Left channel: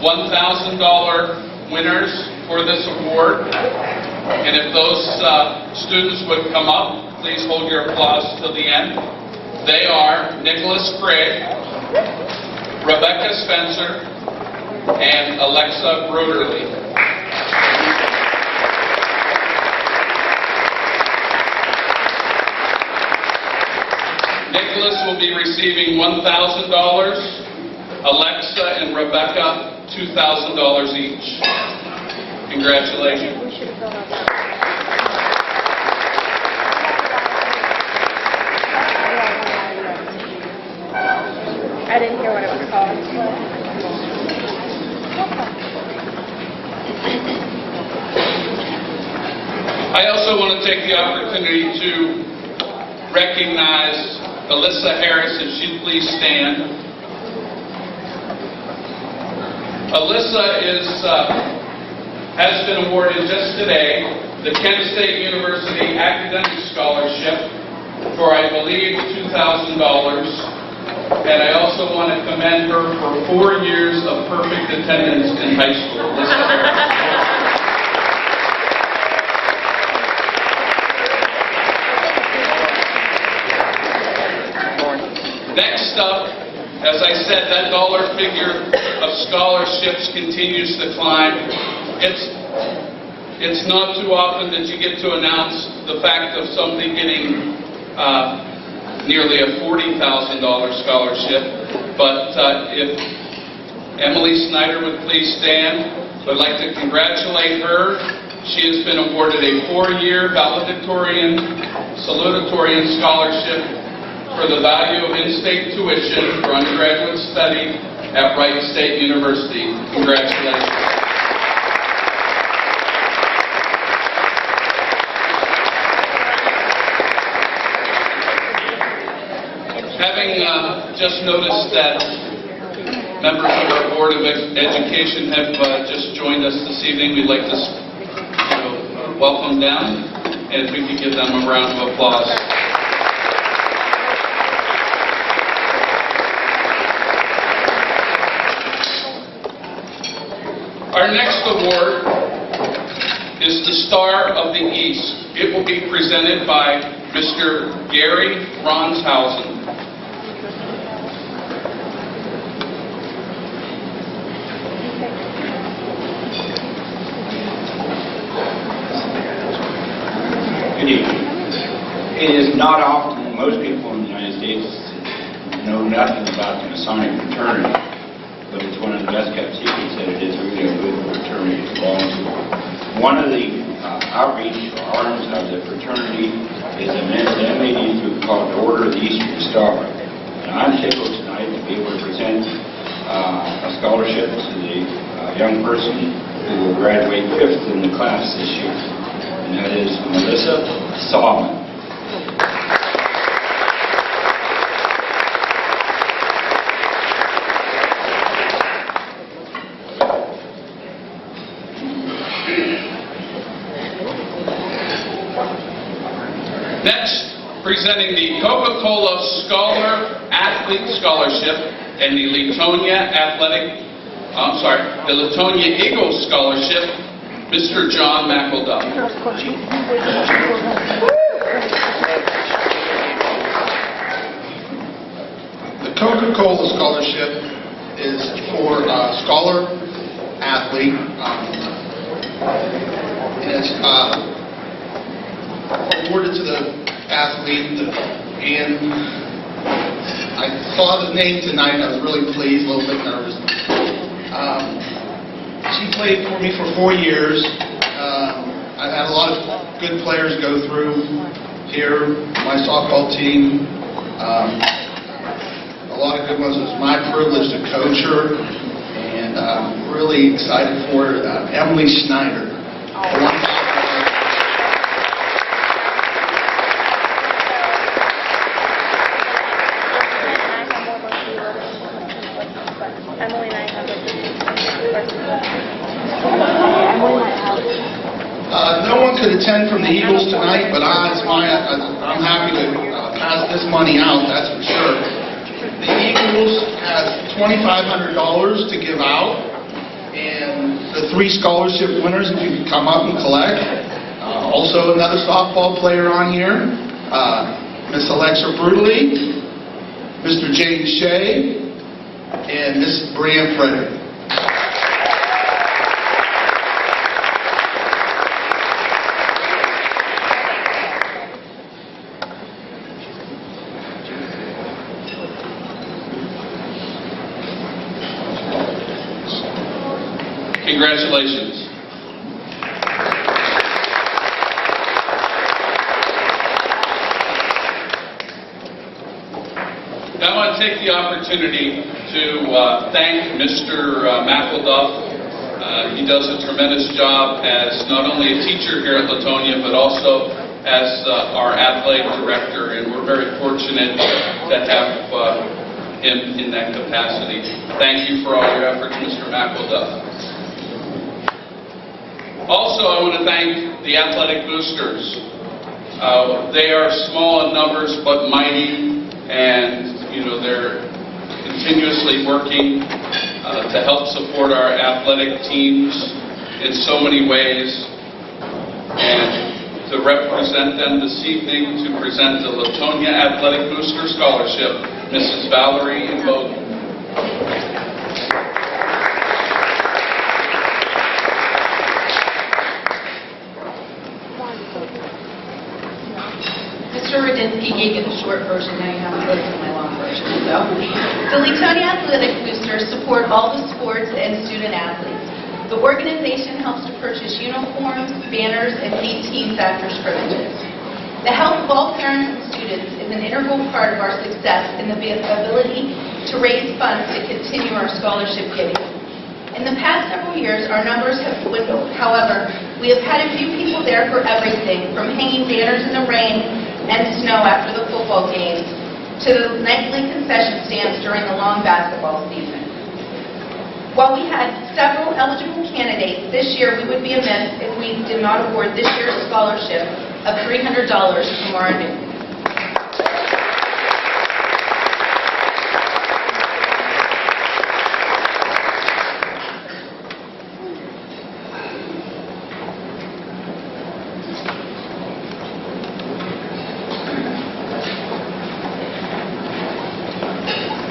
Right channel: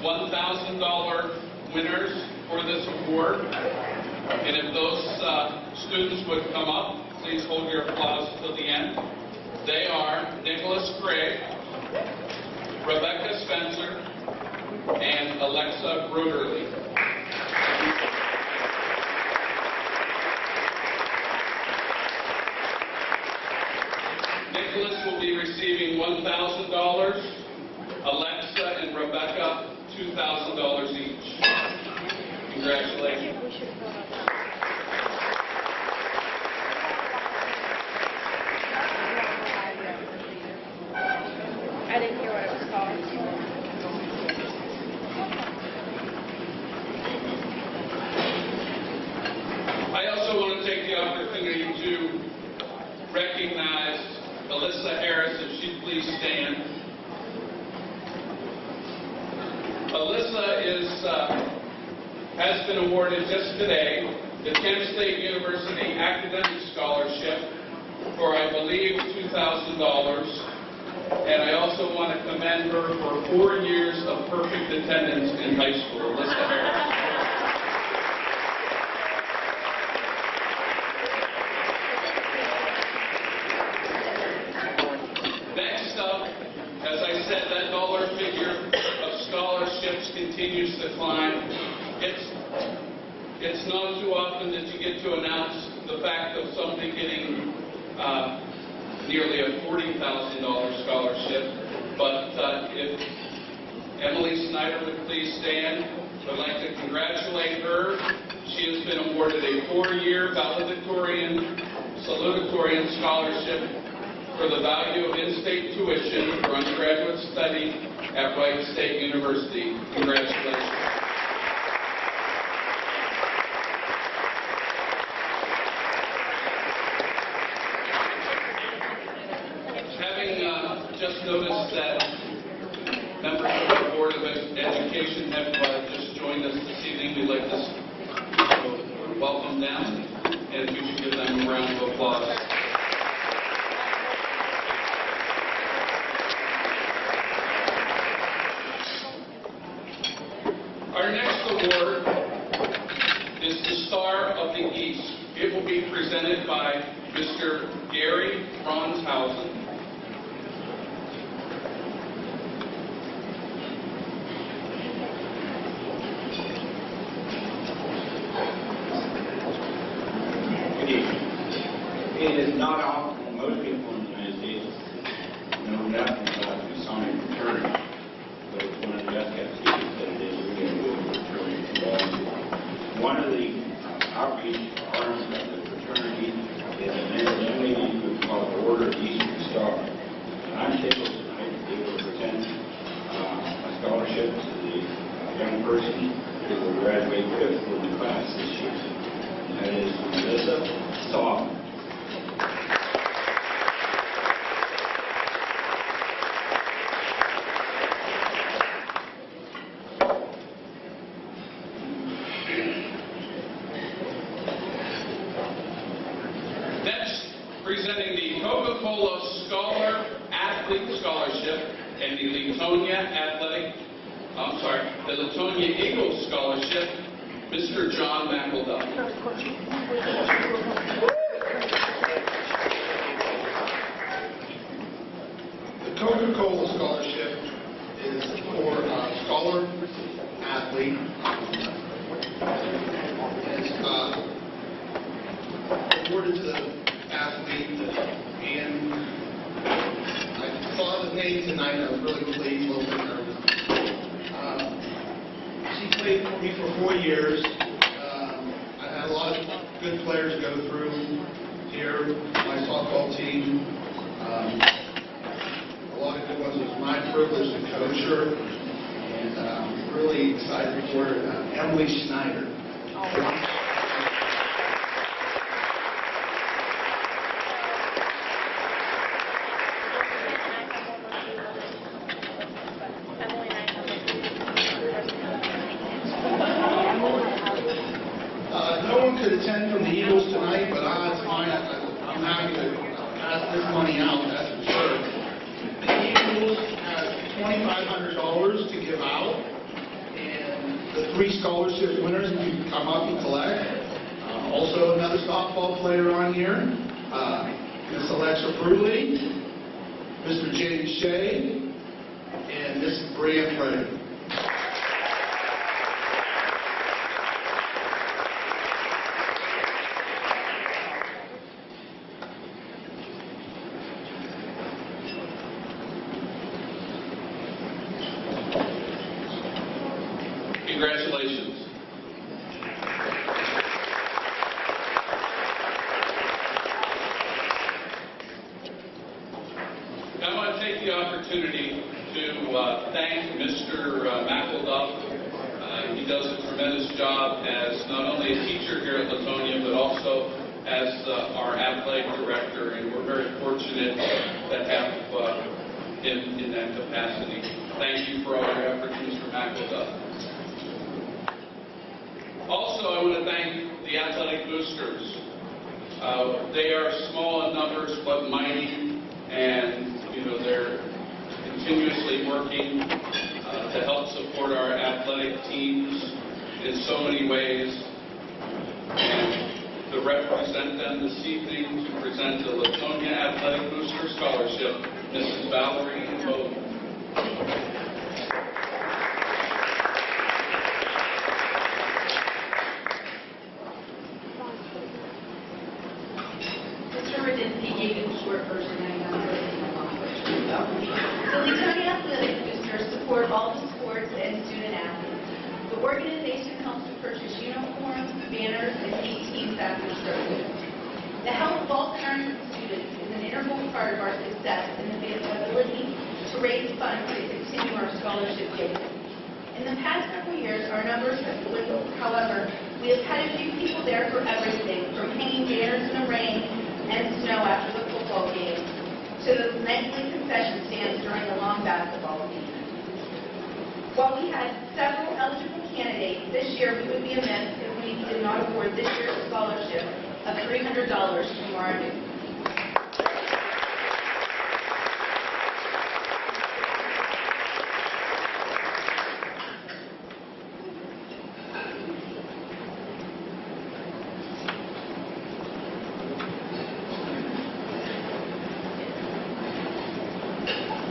$1,000 winners for this award. And if those students would come up, please hold your applause till the end. They are Nicholas Craig, Rebecca Spencer, and Alexa Broderly. Nicholas will be receiving $1,000, Alexa and Rebecca $2,000 each. Congratulations. I didn't hear what it was called. I also want to take the opportunity to recognize Alyssa Harris, if she'd please stand. Alyssa has been awarded just today the Kent State University Academic Scholarship for, I believe, $2,000. And I also want to commend her for 4 years of perfect attendance in high school. Alyssa Harris. Next up, as I said, that dollar figure of scholarships continues to climb. It's not too often that you get to announce the fact of somebody getting nearly a $40,000 scholarship. But if Emily Snyder would please stand, I'd like to congratulate her. She has been awarded a 4-year valedictorian, salutatorian scholarship for the value of in-state tuition for undergraduate study at Wright State University. Congratulations. Having just noticed that members of our Board of Education have just joined us this evening, we'd like to welcome them, and if we could give them a round of applause. Our next award is the Star of the East. It will be presented by Mr. Gary Ronshausen. Good evening. It is not often that most people in the United States know nothing about the Masonic fraternity, but it's one of the best kept secrets that it is really a good fraternity to belong to. One of the outreach arms of the fraternity is a MAD group called the Order of the Eastern Star. And I'm tickled tonight to be able to present a scholarship to the young person who will graduate 5th in the class this year. And that is Melissa Salmon. Next, presenting the Coca-Cola Scholar Athlete Scholarship and the the Leetonia Eagles Scholarship, Mr. John McElduff. The Coca-Cola Scholarship is for a scholar athlete. It's awarded to the athlete, and I saw the name tonight. I was really pleased, a little bit nervous. She played for me for 4 years. I've had a lot of good players go through here, my softball team. A lot of good ones. It was my privilege to coach her, and I'm really excited for her. Emily Snyder. No one could attend from the Eagles tonight, but I'm happy to pass this money out, that's for sure. The Eagles have $2,500 to give out, And the 3 scholarship winners, if you can come up and collect. Also another softball player on here, Miss Alexa Brutally, Mr. James Shea, and Miss Brianne Frederick. Congratulations. Now I want to take the opportunity to thank Mr. McElduff. He does a tremendous job as not only a teacher here at Leetonia, but also as our athletic director, and we're very fortunate to have him in that capacity. Thank you for all your efforts, Mr. McElduff. Also, I want to thank the athletic boosters. They are small in numbers but mighty, and they're continuously working to help support our athletic teams in so many ways. And to represent them this evening, to present the Leetonia Athletic Booster Scholarship, Mrs. Valerie Bowden. Mr. Radinsky gave you the short version, now you have to listen to my long version. So, the Leetonia Athletic Boosters support all the sports and student athletes. The organization helps to purchase uniforms, banners, and meet team factors privileges. The help of all parents and students is an integral part of our success and the ability to raise funds to continue our scholarship giving. In the past several years, our numbers have dwindled. However, we have had a few people there for everything, from hanging banners in the rain and snow after the football games to the nightly concession stands during the long basketball season. While we had several eligible candidates, this year we would be amiss if we did not award this year's scholarship of $300 to Mara Newton.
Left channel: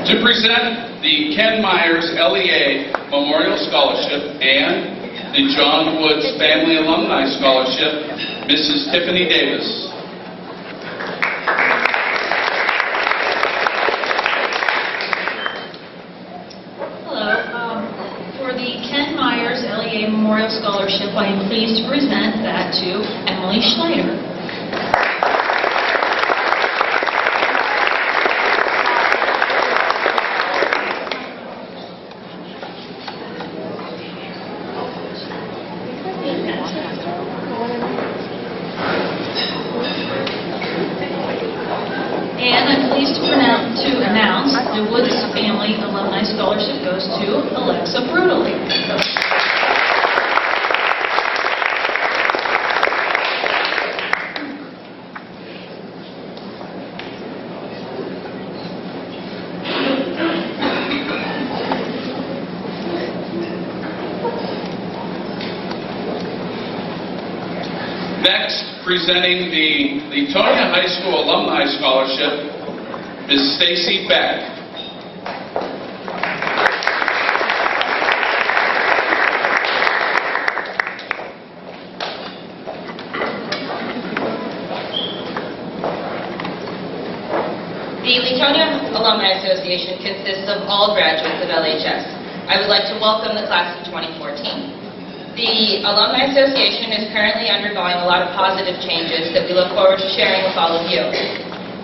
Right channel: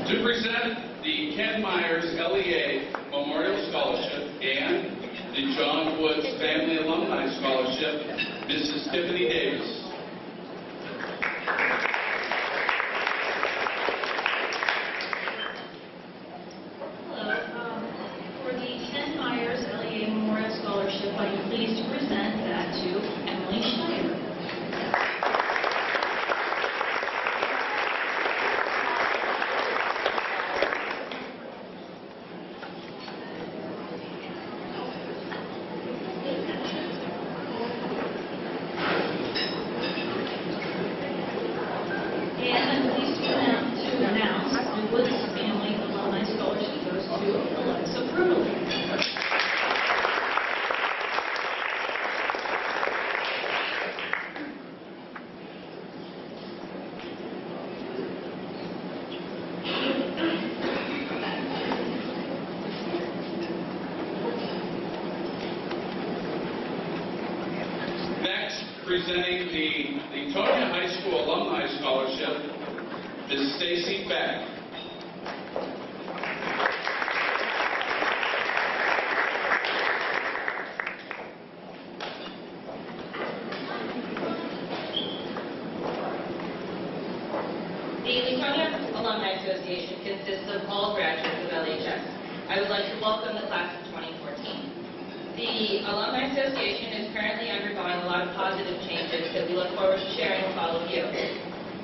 To present the Ken Myers LEA Memorial Scholarship and the John Woods Family Alumni Scholarship, Mrs. Tiffany Davis. Hello. For the Ken Myers LEA Memorial Scholarship, I am pleased to present that to Emily Schneider. And I'm pleased to announce the Woods Family Alumni Scholarship goes to Alexa Brutally. Next, presenting the Leetonia High School Alumni Scholarship, Ms. Stacy Beck. The Leetonia Alumni Association consists of all graduates of LHS. I would like to welcome the class of 2014. The Alumni Association is currently undergoing a lot of positive changes that we look forward to sharing with all of you.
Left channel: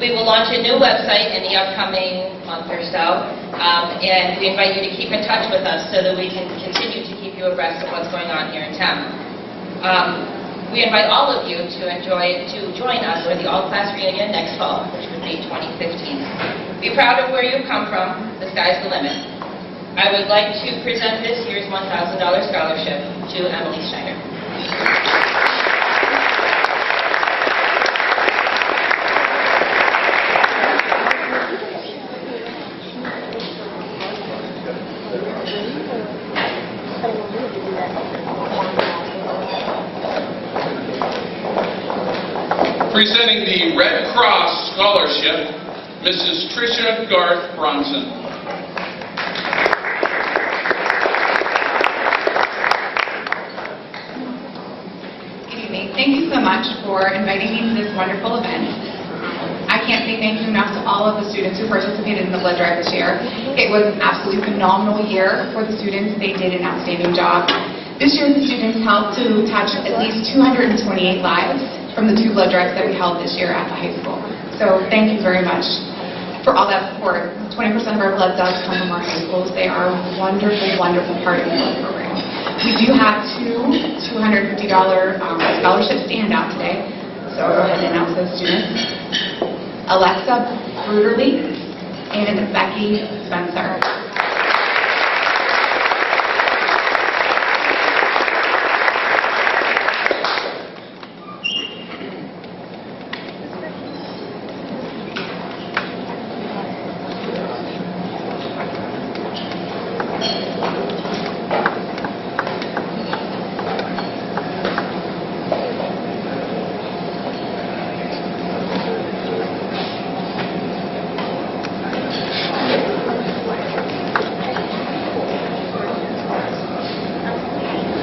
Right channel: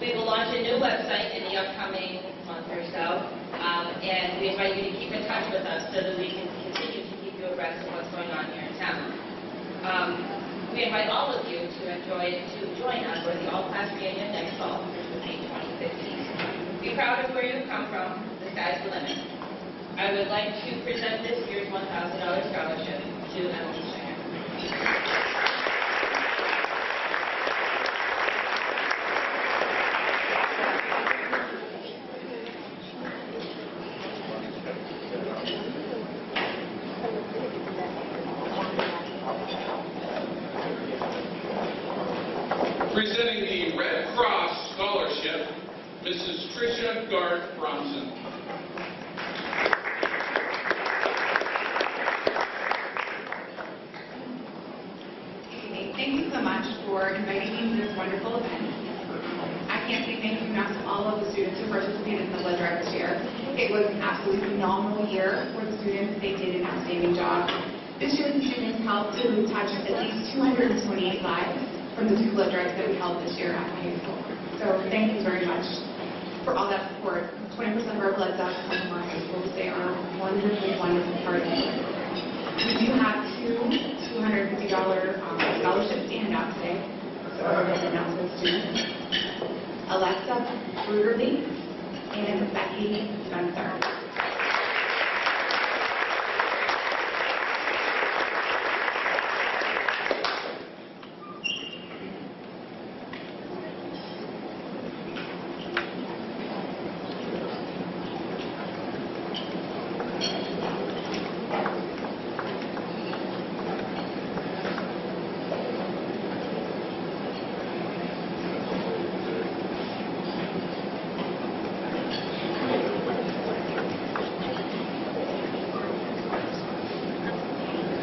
We will launch a new website in the upcoming month or so, and we invite you to keep in touch with us so that we can continue to keep you abreast of what's going on here in town. We invite all of you to join us for the all-class reunion next fall, which would be 2015. Be proud of where you've come from. The sky's the limit. I would like to present this year's $1,000 scholarship to Emily Schneider. Presenting the Red Cross Scholarship, Mrs. Tricia Garth Bronson. Good evening. Thank you so much for inviting me to this wonderful event. I can't say thank you enough to all of the students who participated in the blood drive this year. It was an absolutely phenomenal year for the students. They did an outstanding job. This year, the students helped to touch at least 228 lives from the 2 blood drives that we held this year at the high school. So thank you very much for all that support. 20% of our blood does come from our high schools. They are a wonderful, wonderful part of the blood program. We do have 2 $250 scholarships to hand out today. So I'll go ahead and announce those students. Alexa Bruderly and Becky Spencer.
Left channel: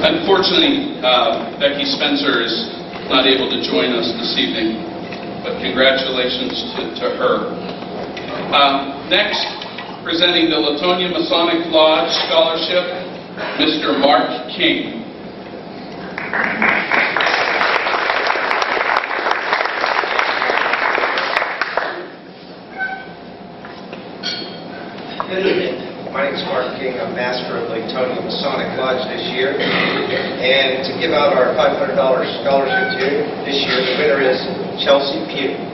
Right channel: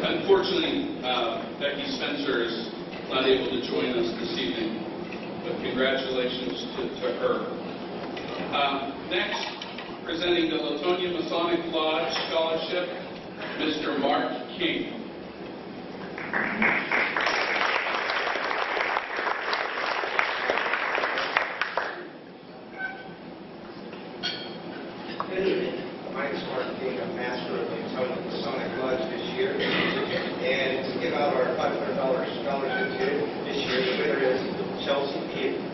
Unfortunately, Becky Spencer is not able to join us this evening, but congratulations to her. Next, presenting the Leetonia Masonic Lodge Scholarship, Mr. Mark King. Good evening. My name is Mark King. I'm Master of Leetonia Masonic Lodge this year. And to give out our $500 scholarship to you, this year the winner is Chelsea Pugh.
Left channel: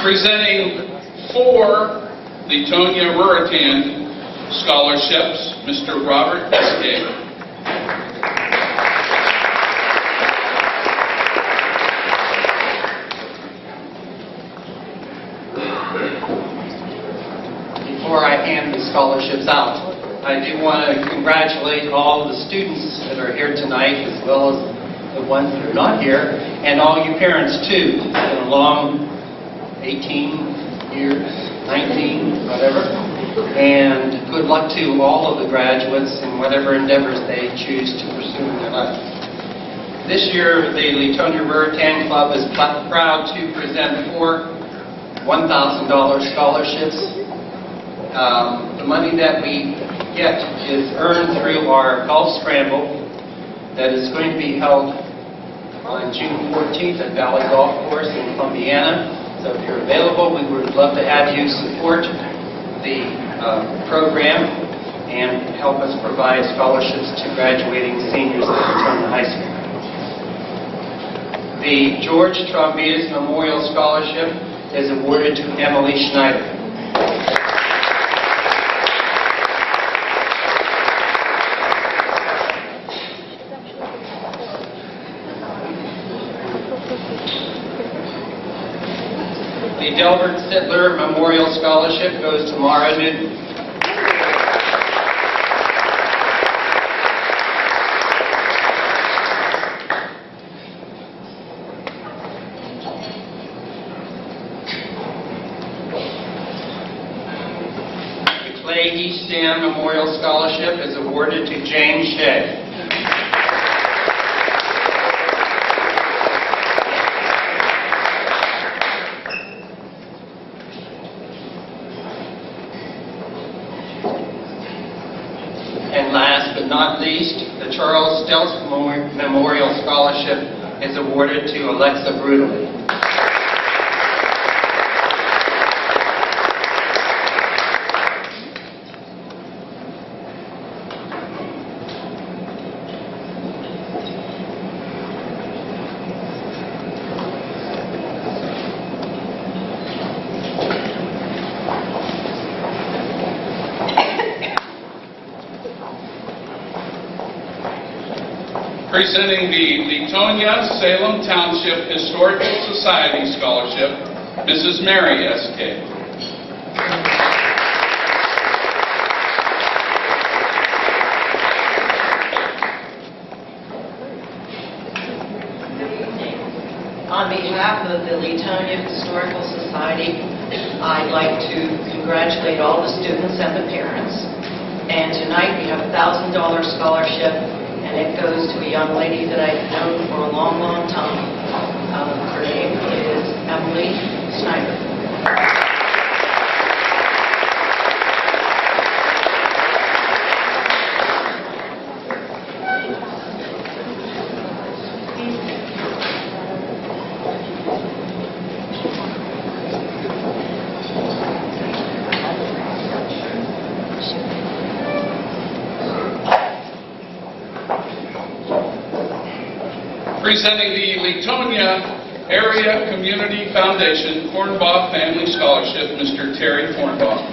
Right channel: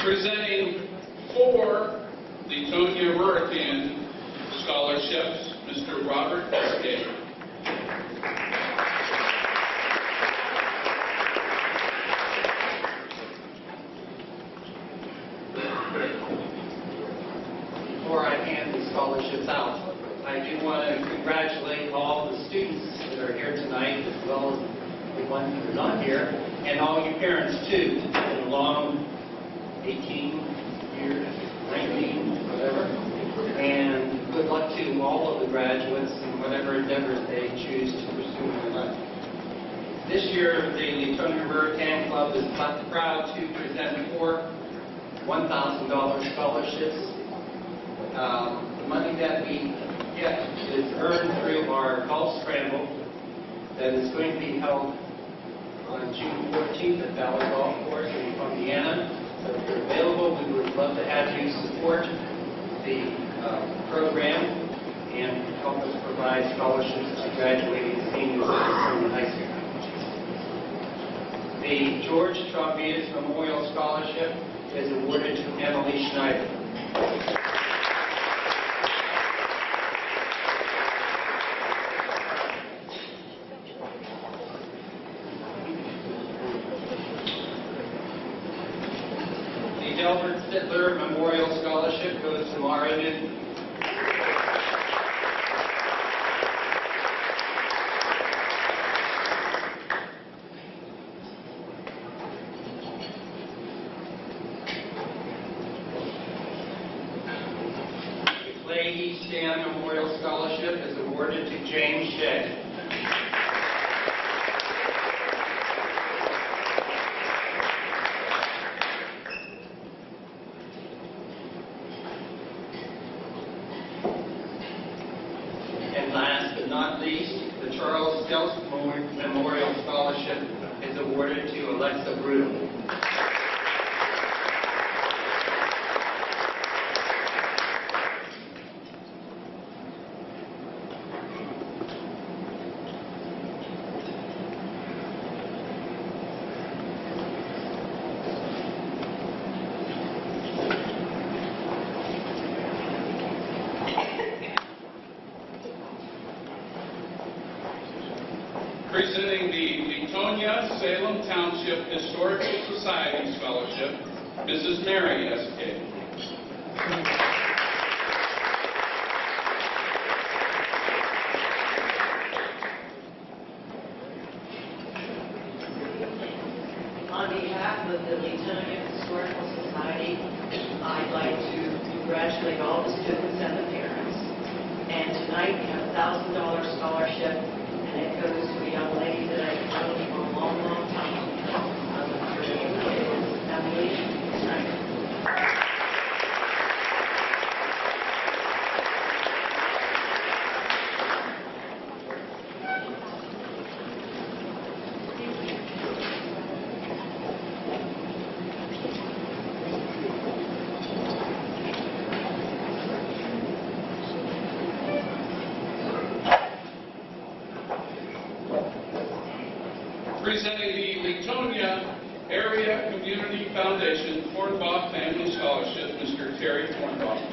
Presenting 4 Leetonia Ruritan scholarships, Mr. Robert Escape. Before I hand the scholarships out, I do want to congratulate all the students that are here tonight, as well as the ones that are not here, and all you parents too. It's been a long 18 years, 19, whatever. And good luck to all of the graduates in whatever endeavors they choose to pursue in their life. This year, the Leetonia Ruritan Club is proud to present 4 $1,000 scholarships. The money that we get is earned through our golf scramble that is going to be held on June 14th at Valley Golf Course in Columbiana. So if you're available, we would love to have you support the program and help us provide scholarships to graduating seniors at Leetonia High School. The George Trombitas Memorial Scholarship is awarded to Emily Schneider. The Delbert Sittler Memorial Scholarship goes to Mara Newton. The Clay Easton Memorial Scholarship is awarded to James Shea. And last but not least, the Charles Stelz Memorial Scholarship is awarded to Alexa Bruderly. Presenting the Leetonia Salem Township Historical Society Scholarship, Mrs. Mary S.K. On behalf of the Leetonia Historical Society, I'd like to congratulate all the students and the parents. And tonight we have a $1,000 scholarship, and it goes to a young lady that I've known for a long, long time. Her name is Emily Schneider. Presenting the Leetonia Area Community Foundation Kornbach Family Scholarship, Mr. Terry Kornbach.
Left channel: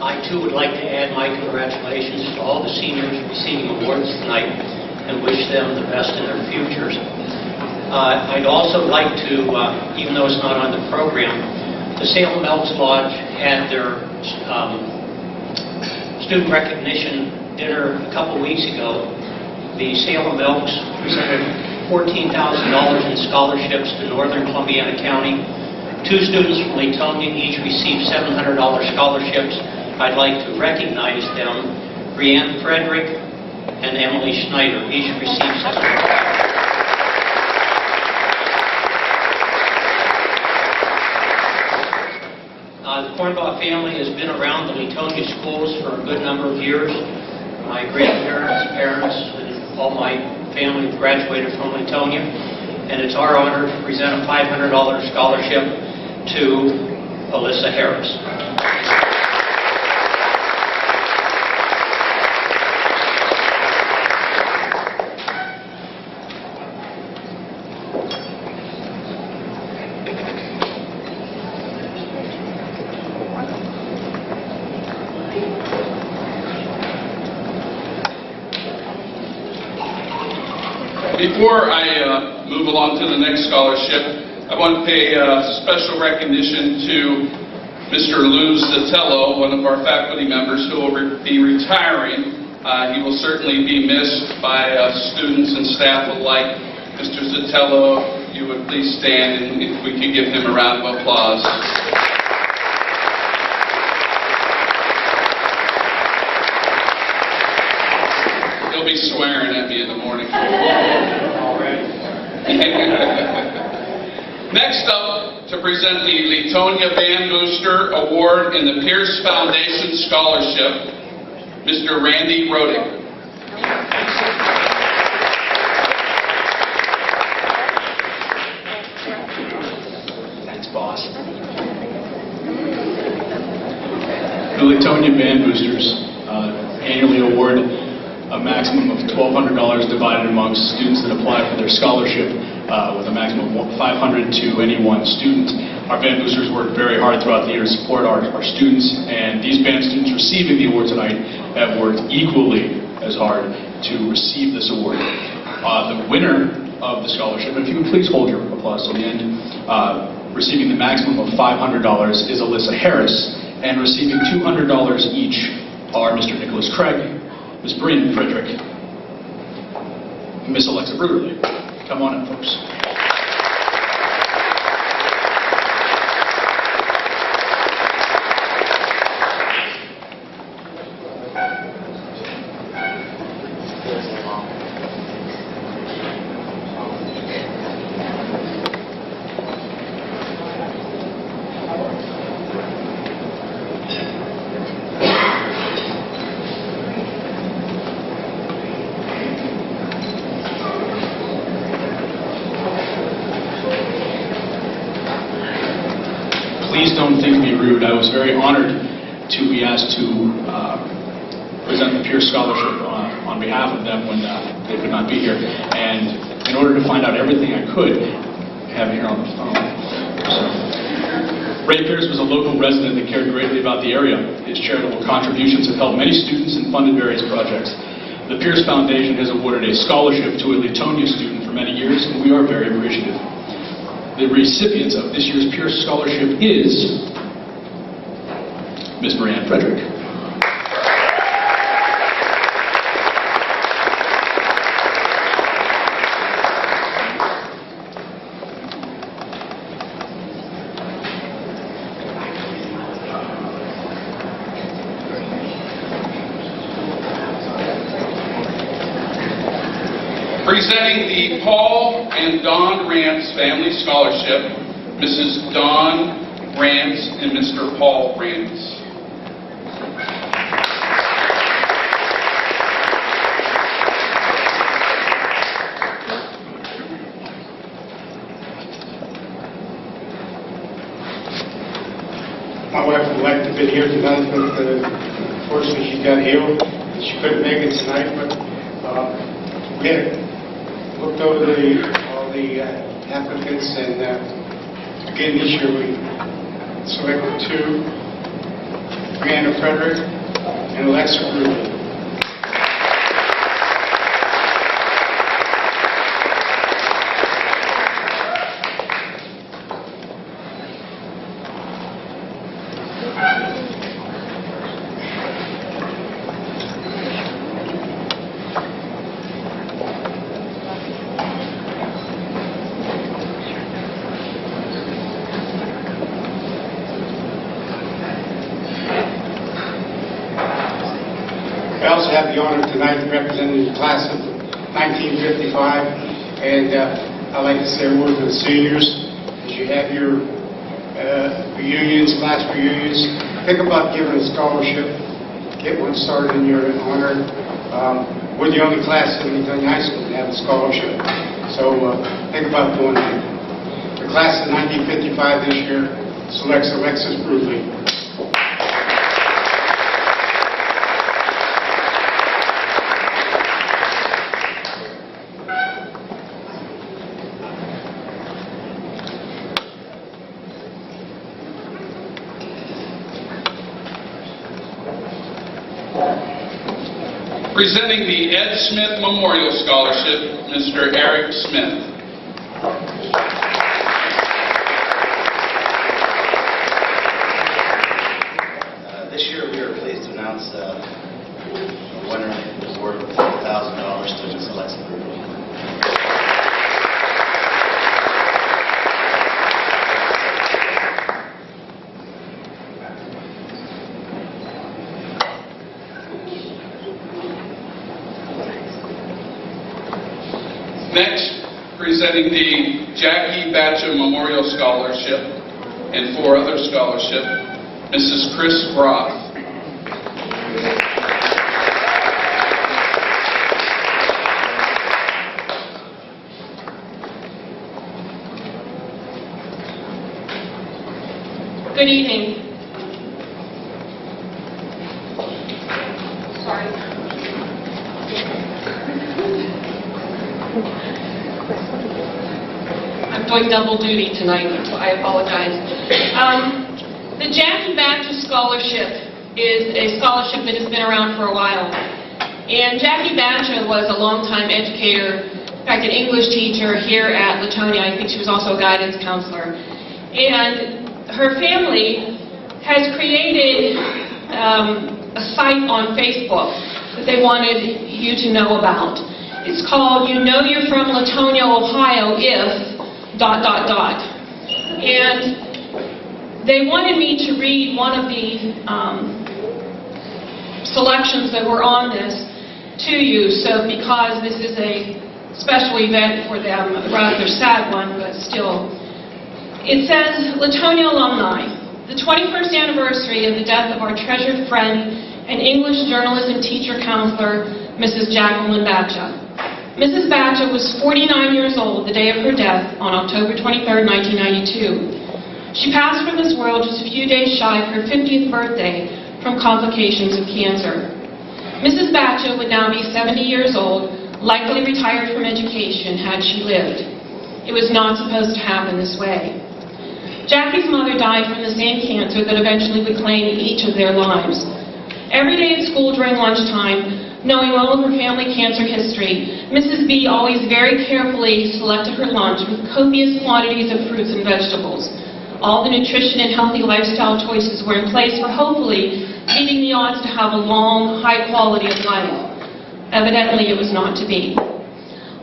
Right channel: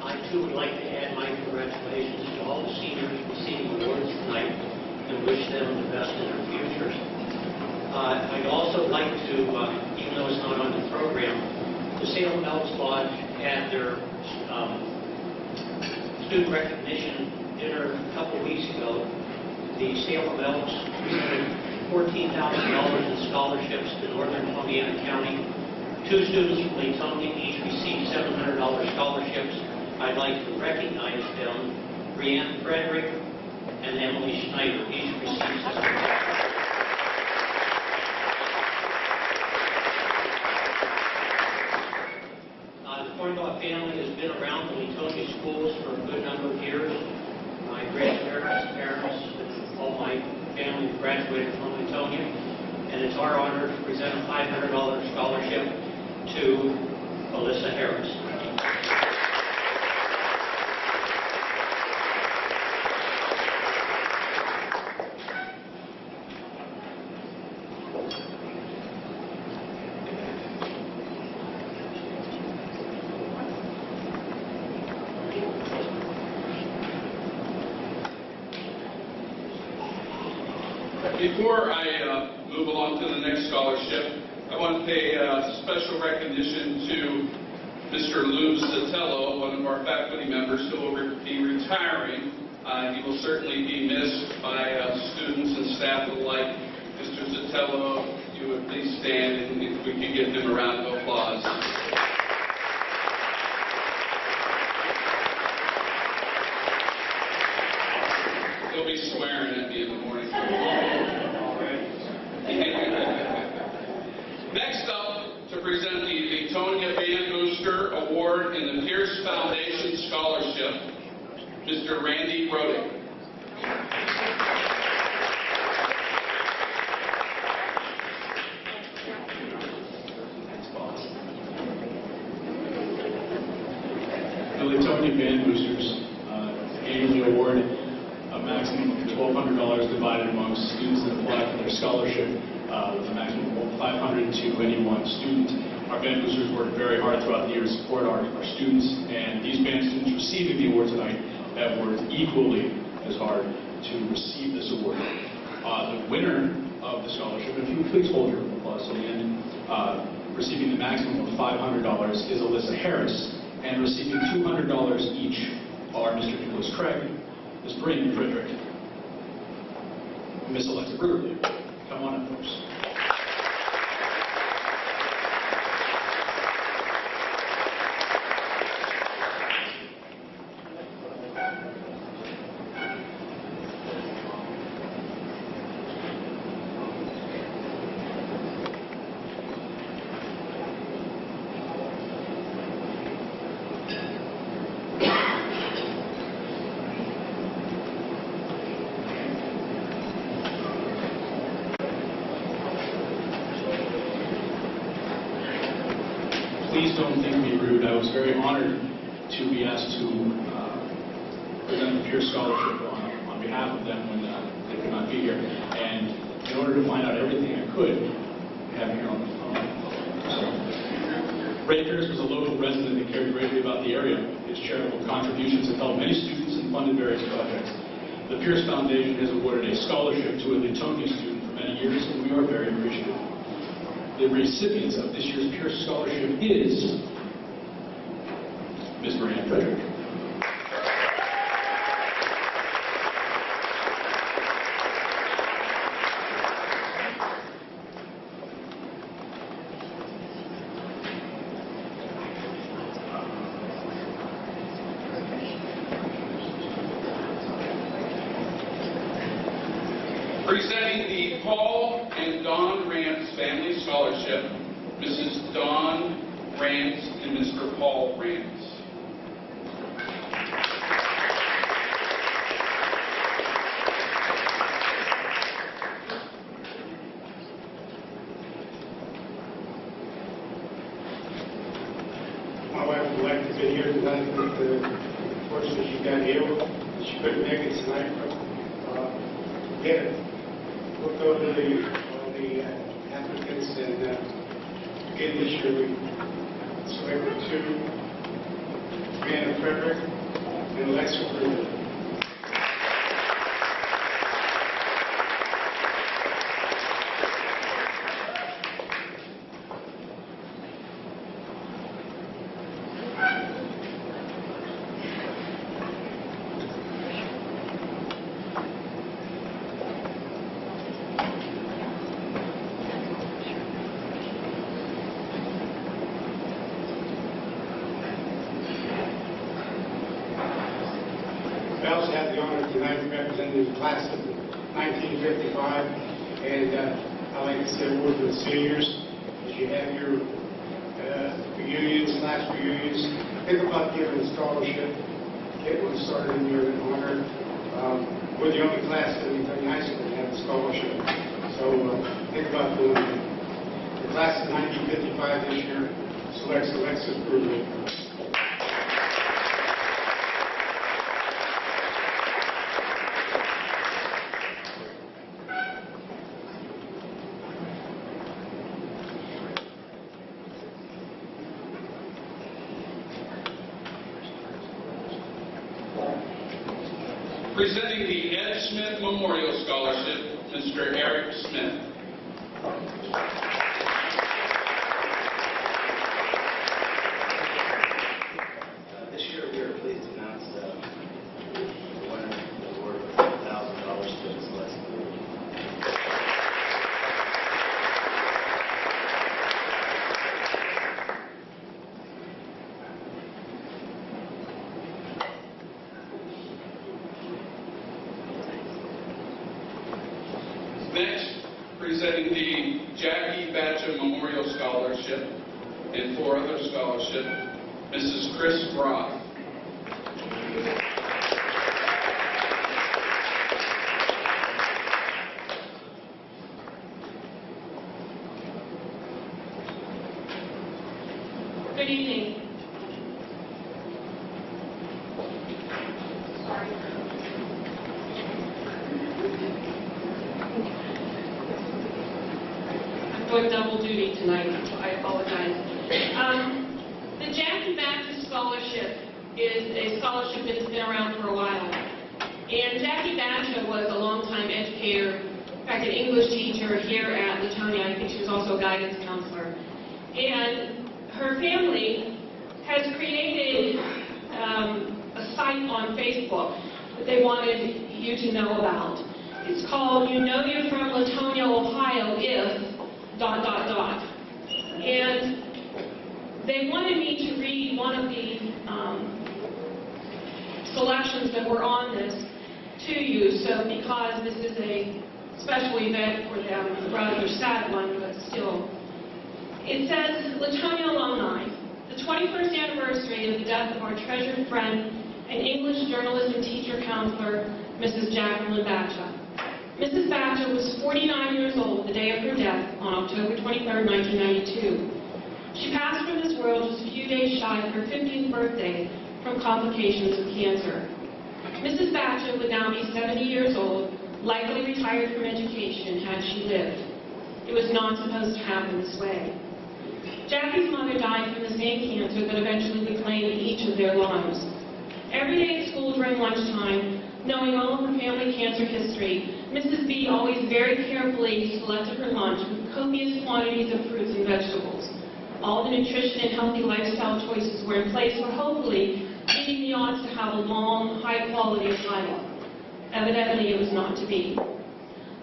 I too would like to add my congratulations to all the seniors receiving awards tonight and wish them the best in their futures. I'd also like to, even though it's not on the program, the Salem Elks Lodge had their student recognition dinner a couple weeks ago. The Salem Elks presented $14,000 in scholarships to Northern Columbiana County. 2 students from Leetonia each received $700 scholarships. I'd like to recognize them. Brianne Frederick and Emily Schneider each received $700. The Kornbach family has been around the Leetonia schools for a good number of years. My grandparents, parents, and all my family graduated from Leetonia, and it's our honor to present a $500 scholarship to Alyssa Harris. Before I move along to the next scholarship, I want to pay special recognition to Mr. Lou Zatello, one of our faculty members who will be retiring. He will certainly be missed by students and staff alike. Mr. Zatello, if you would please stand and if we could give him a round of applause. He'll be swearing at me in the morning. Next up, to present the Leetonia Band Booster Award in the Pierce Foundation Scholarship, Mr. Randy Rodick. Thanks, boss. The Leetonia Band Boosters annually award a maximum of $1,200 divided amongst students that apply for their scholarship, with a maximum of $500 to any one student. Our band boosters work very hard throughout the year to support our students, and these band students receiving the award tonight have worked equally as hard to receive this award. The winner of the scholarship, and if you would please hold your applause till the end, receiving the maximum of $500 is Alyssa Harris, and receiving $200 each are Mr. Nicholas Craig, Ms. Brianne Frederick, and Ms. Alexa Bruderly. Come on up, folks. Please don't think me rude. I was very honored to be asked to present the Pierce Scholarship on behalf of them when they could not be here. And in order to find out everything I could, I have it here on the phone. So, Ray Pierce was a local resident that cared greatly about the area. His charitable contributions have helped many students and funded various projects. The Pierce Foundation has awarded a scholarship to a Leetonia student for many years, and we are very appreciative. The recipients of this year's Pierce Scholarship is Ms. Brianne Frederick. Presenting the Paul and Dawn Rance Family Scholarship, Mrs. Dawn Rance and Mr. Paul Rance. My wife would like to be here tonight, but unfortunately she got ill and she couldn't make it tonight. But we had looked over all the applicants, and again this year we selected two, Brianna Frederick and Alexa Brewer. I also have the honor tonight of representing the class of 1955, and I'd like to say a word to the seniors. As you have your reunions, class reunions, think about giving a scholarship, get one started in your honor. We're the only class in Leetonia High School to have a scholarship, so think about doing that. The class of 1955 this year selects Alexis Brudley. Presenting the Ed Smith Memorial Scholarship, Mr. Eric Smith. This year we are pleased to announce the winner of the award of $4,000 to Ms. Alexa Brewer. Next, presenting the Jackie Batcham Memorial Scholarship and 4 other scholarships, Mrs. Chris Roth. Good evening. Sorry. I'm doing double duty tonight, so I apologize. The Jackie Batcham Scholarship is a scholarship that has been around for a while. And Jackie Batcham was a longtime educator, in fact, an English teacher here at Leetonia. I think she was also a guidance counselor. And her family has created a site on Facebook that they wanted you to know about. It's called You Know You're From Leetonia, Ohio If ... And they wanted me to read one of the selections that were on this to you, so because this is a special event for them, a rather sad one, but still. It says, Leetonia alumni, the 21st anniversary of the death of our treasured friend and English journalism teacher counselor, Mrs. Jacqueline Batcha. Mrs. Batcha was 49 years old the day of her death on October 23, 1992. She passed from this world just a few days shy of her 50th birthday from complications of cancer. Mrs. Batcha would now be 70 years old, likely retired from education had she lived. It was not supposed to happen this way. Jackie's mother died from the same cancer that eventually would claim each of their lives. Every day at school during lunchtime, knowing well of her family cancer history, Mrs. B always very carefully selected her lunch with copious quantities of fruits and vegetables. All the nutrition and healthy lifestyle choices were in place for hopefully beating the odds to have a long, high quality of life. Evidently, it was not to be.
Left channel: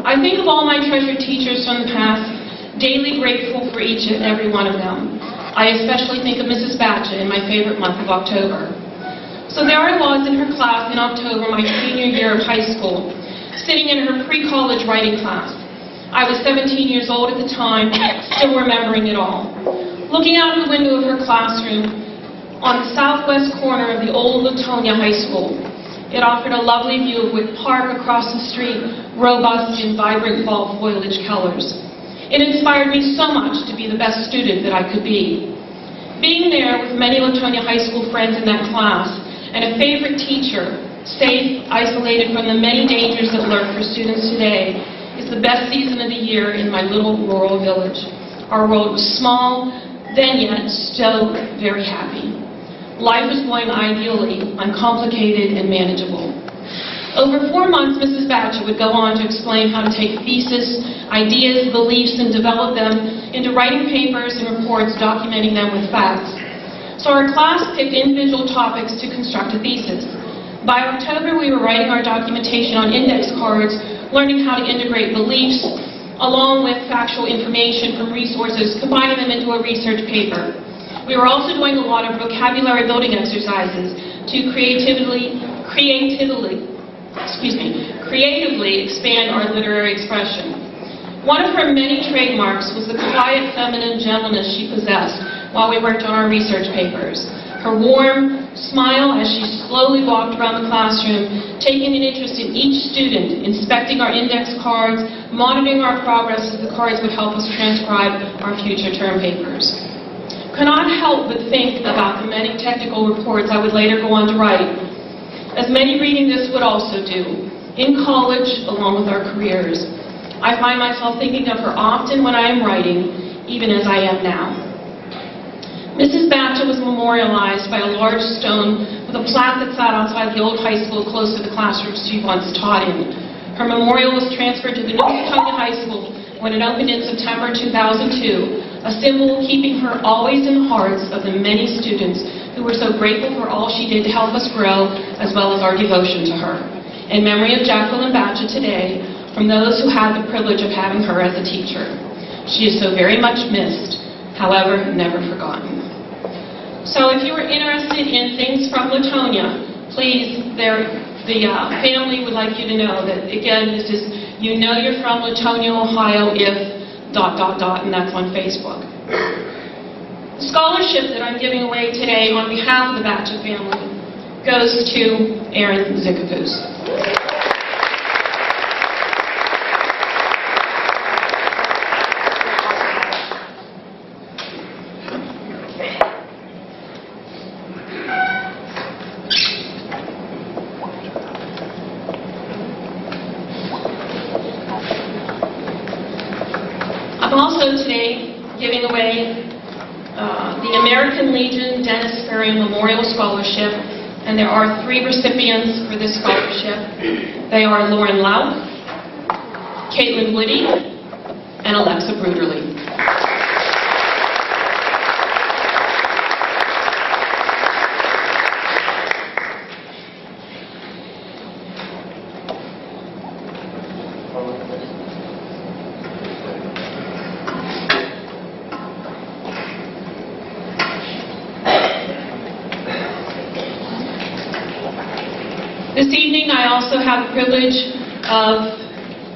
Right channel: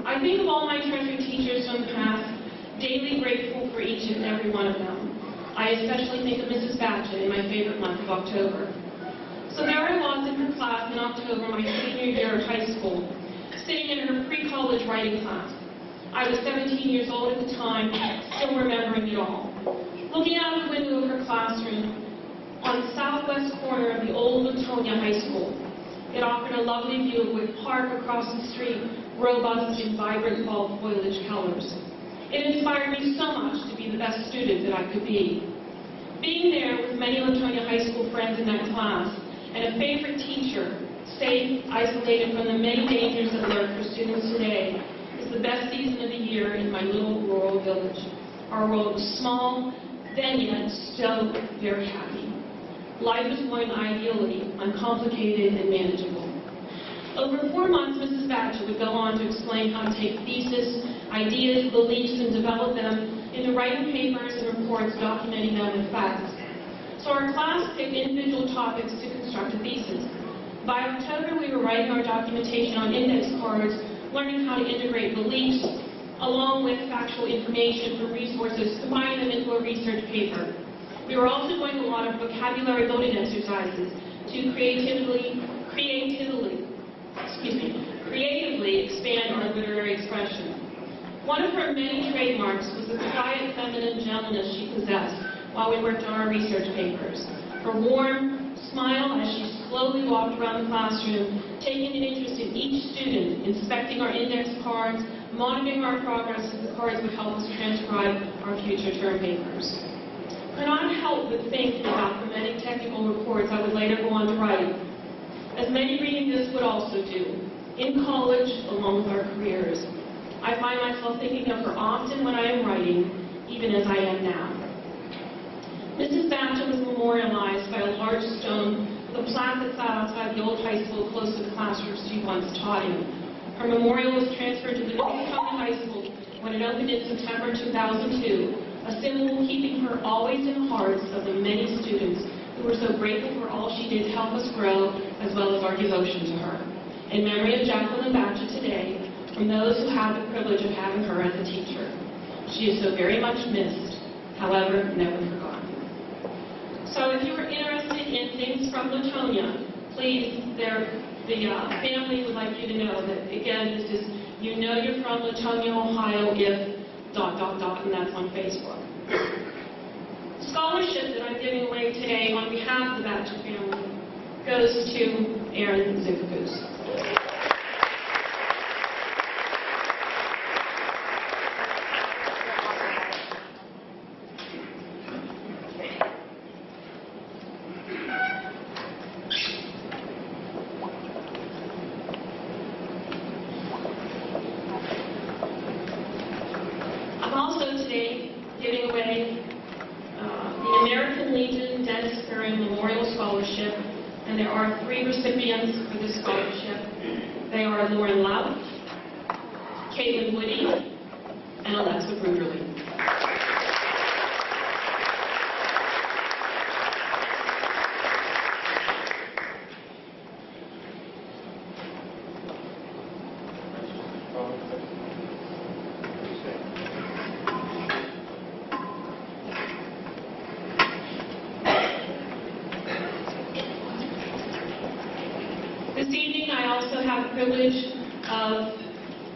I think of all my treasured teachers from the past, daily grateful for each and every one of them. I especially think of Mrs. Batcha in my favorite month of October. So there I was in her class in October, my senior year of high school, sitting in her pre-college writing class. I was 17 years old at the time, still remembering it all. Looking out the window of her classroom, on the southwest corner of the old Leetonia High School, it offered a lovely view of Wick Park across the street, robust in vibrant fall foliage colors. It inspired me so much to be the best student that I could be. Being there with many Leetonia High School friends in that class, and a favorite teacher, safe, isolated from the many dangers that lurk for students today, is the best season of the year in my little rural village. Our world was small, then yet still very happy. Life was going ideally, uncomplicated, and manageable. Over 4 months, Mrs. Batcha would go on to explain how to take thesis, ideas, beliefs, and develop them into writing papers and reports documenting them with facts. So our class picked individual topics to construct a thesis. By October, we were writing our documentation on index cards, learning how to integrate beliefs, along with factual information from resources, combining them into a research paper. We were also doing a lot of vocabulary building exercises to creatively expand our literary expression. One of her many trademarks was the quiet feminine gentleness she possessed while we worked on our research papers. Her warm smile as she slowly walked around the classroom, taking an interest in each student, inspecting our index cards, monitoring our progress as the cards would help us transcribe our future term papers. Cannot help but think about the many technical reports I would later go on to write, as many reading this would also do, in college along with our careers. I find myself thinking of her often when I am writing, even as I am now. Mrs. Batcha was memorialized by a large stone with a plaque that sat outside the old high school close to the classroom she once taught in. Her memorial was transferred to the new Leetonia High School when it opened in September 2002, a symbol keeping her always in the hearts of the many students who were so grateful for all she did to help us grow, as well as our devotion to her. In memory of Jacqueline Batcha today, from those who had the privilege of having her as a teacher. She is so very much missed, however, never forgotten. So if you are interested in things from Leetonia, please, the family would like you to know that, again, this is, you know you're from Leetonia, Ohio, if ... and that's on Facebook. The scholarship that I'm giving away today on behalf of the Batcha family goes to Aaron Zickapoose. I'm also today giving away the American Legion Dennis Ferry Memorial Scholarship, and there are 3 recipients for this scholarship. They are Lauren Lauk, Caitlin Woody, and Alexa Bruderly. This evening, I also have the privilege of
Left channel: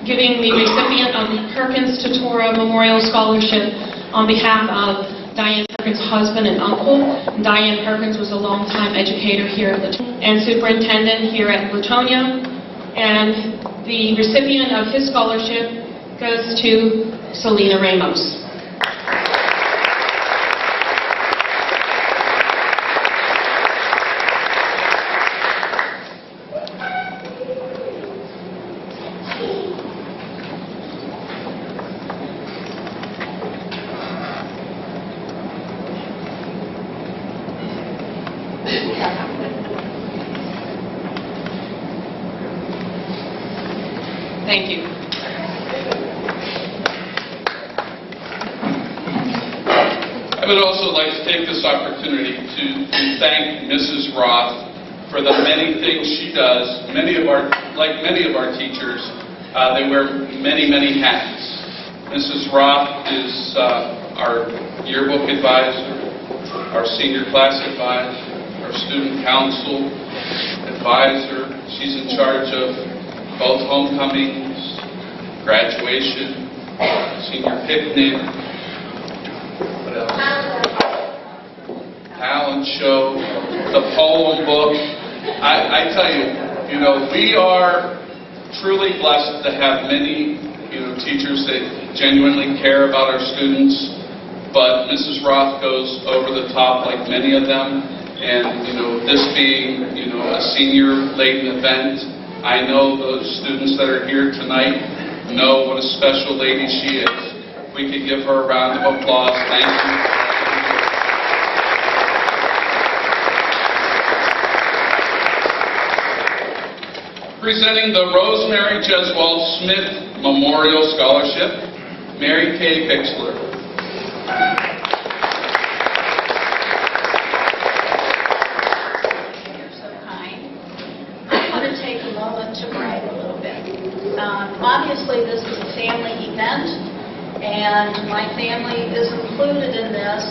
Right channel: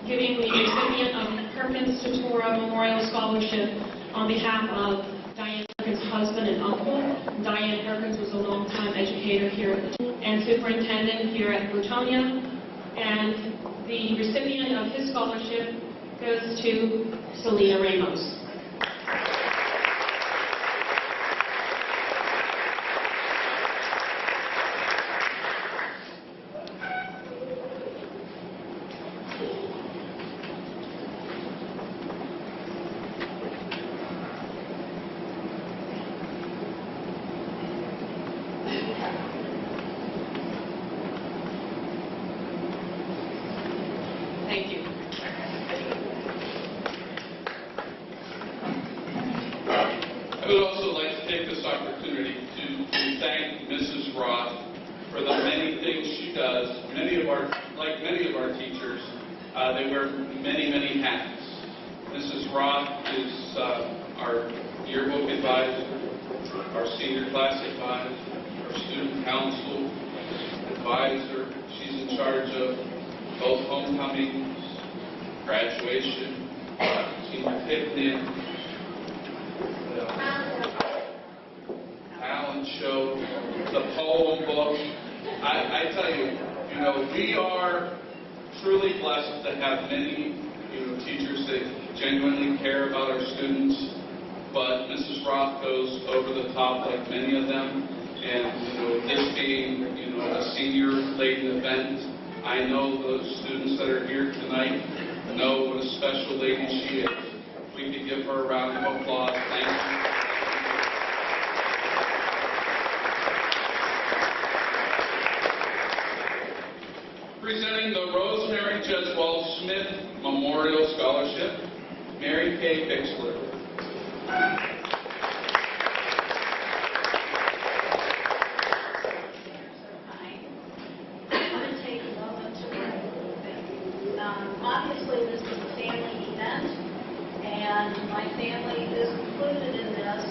giving the recipient of the Perkins Totora Memorial Scholarship on behalf of Diane Perkins' husband and uncle. Diane Perkins was a longtime educator here at Leetonia and superintendent here at Leetonia. And the recipient of his scholarship goes to Selena Ramos. Thank you. I would also like to take this opportunity to thank Mrs. Roth for the many things she does. Like many of our teachers, they wear many, many hats. Mrs. Roth is our yearbook advisor, our senior class advisor, our student council advisor. She's in charge of both homecomings, graduation, senior picnic, what else? Talent show, the poem book. I tell you, we are truly blessed to have many, teachers that genuinely care about our students. But Mrs. Roth goes over the top like many of them. And, this being, a senior-laden event, I know those students that are here tonight know what a special lady she is. If we could give her a round of applause. Thank you. Presenting the Rosemary Jeswell Smith Memorial Scholarship, Mary Kay Bixler. You're so kind. I want to take a moment to brag a little bit. Obviously, this is a family event, and my family is included in this.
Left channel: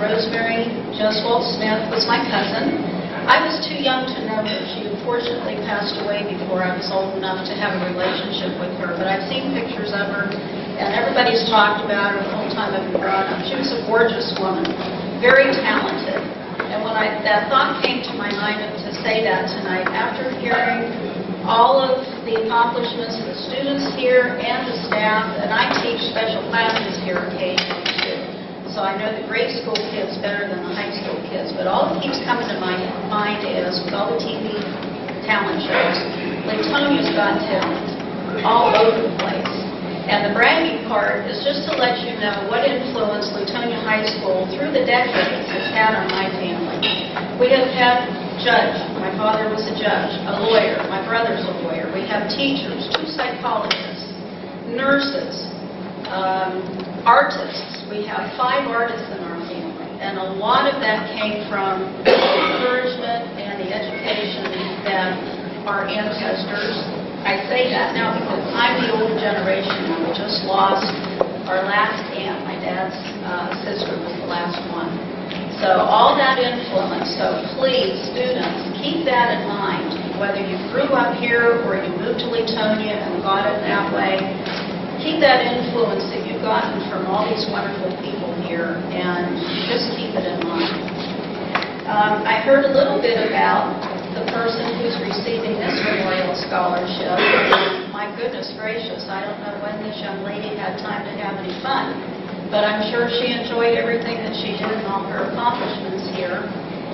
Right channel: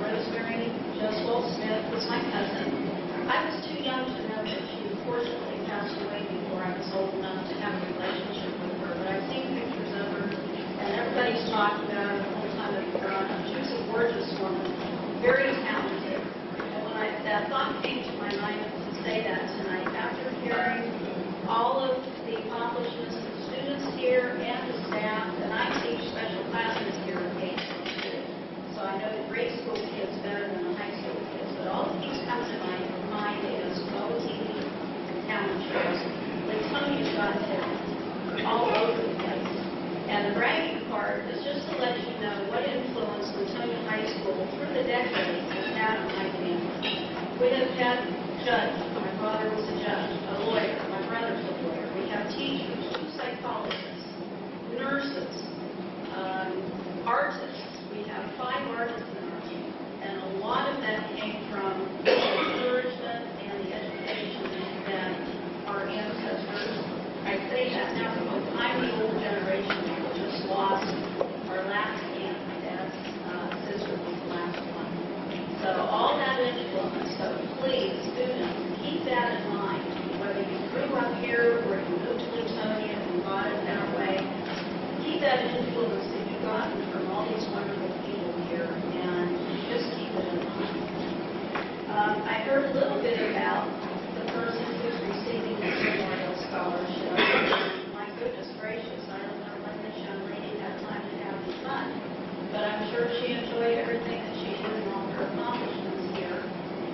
Rosemary Jeswell Smith was my cousin. I was too young to know her. She unfortunately passed away before I was old enough to have a relationship with her. But I've seen pictures of her, and everybody's talked about her the whole time I've been growing up. She was a gorgeous woman, very talented. And when that thought came to my mind to say that tonight, after hearing all of the accomplishments of the students here and the staff, and I teach special classes here occasionally too. So I know the grade school kids better than the high school kids, but all that keeps coming to my mind is, with all the TV talent shows, Leetonia's got talent all over the place. And the bragging part is just to let you know what influence Leetonia High School through the decades has had on my family. We have had judge. My father was a judge, a lawyer. My brother's a lawyer. We have teachers, 2 psychologists, nurses, artists. We have 5 artists in our family, and a lot of that came from the encouragement and the education that our ancestors. I say that now because I'm the older generation, and we just lost our last aunt. My dad's sister was the last one. So all that influence, so please, students, keep that in mind. Whether you grew up here or you moved to Leetonia and got it that way, keep that influence that you've gotten from all these wonderful people here, and just keep it in mind. I heard a little bit about the person who's receiving this memorial scholarship. My goodness gracious, I don't know when this young lady had time to have any fun, but I'm sure she enjoyed everything that she did and all her accomplishments here.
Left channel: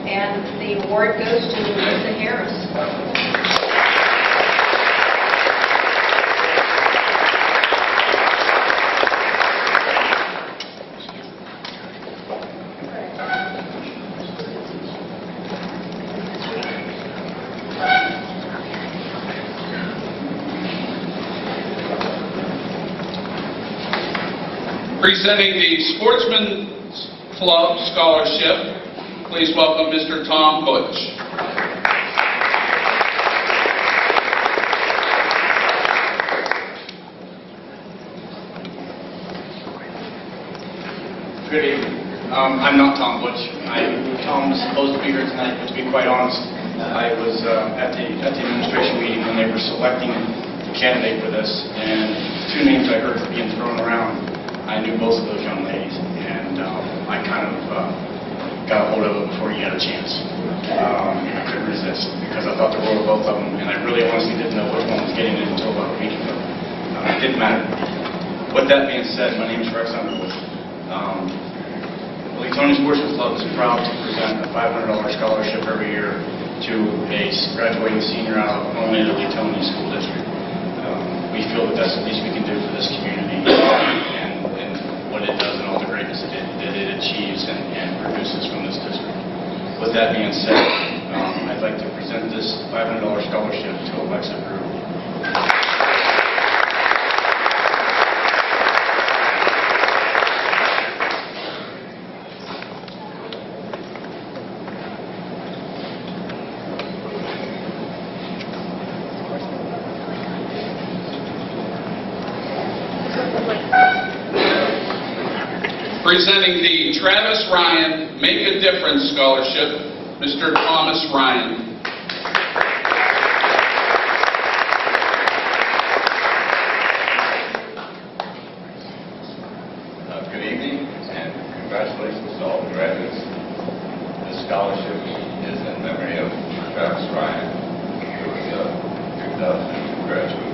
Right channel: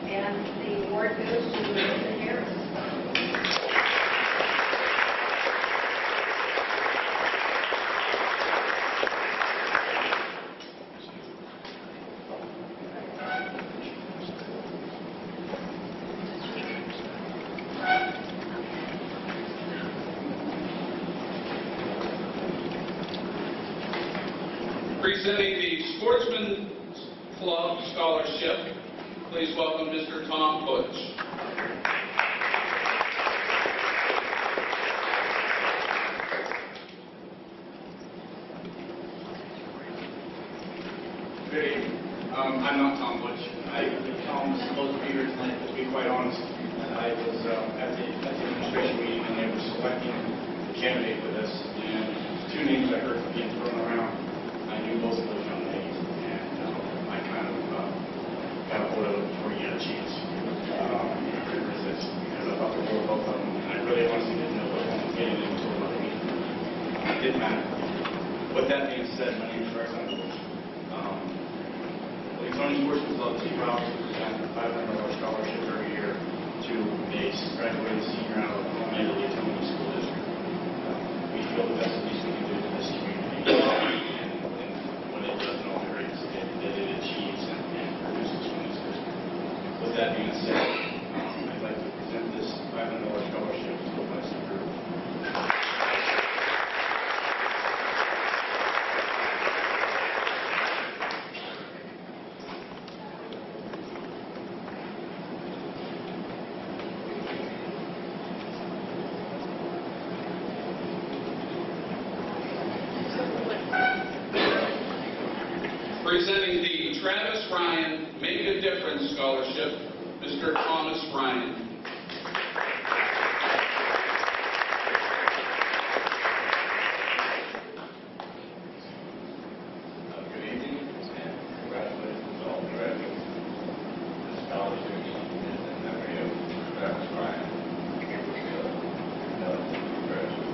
And the award goes to Melissa Harris. Presenting the Sportsman's Club Scholarship, please welcome Mr. Tom Butch. Good evening. I'm not Tom Butch. Tom was supposed to be here tonight, but to be quite honest, I was at the administration meeting when they were selecting the candidate for this, and 2 names I heard being thrown around. I knew both of those young ladies, and I kind of got a hold of them before you had a chance. I couldn't resist because I thought the world of both of them, and I really honestly didn't know which one was getting it until about a week ago. It didn't matter. With that being said, my name is Rex Underwood. The Leetonia Sportsman's Club is proud to present a $500 scholarship every year to a graduating senior out of only the Leetonia School District. We feel that that's the least we can do for this community. It does and all the greatness that it achieves and produces from this district. With that being said, I'd like to present this $500 scholarship to Alexa Brewer. Presenting the Travis Ryan Make a Difference Scholarship, Mr. Thomas Ryan. Good evening, and congratulations to all the graduates. This scholarship is in memory of Travis Ryan, who was a 2002 graduate.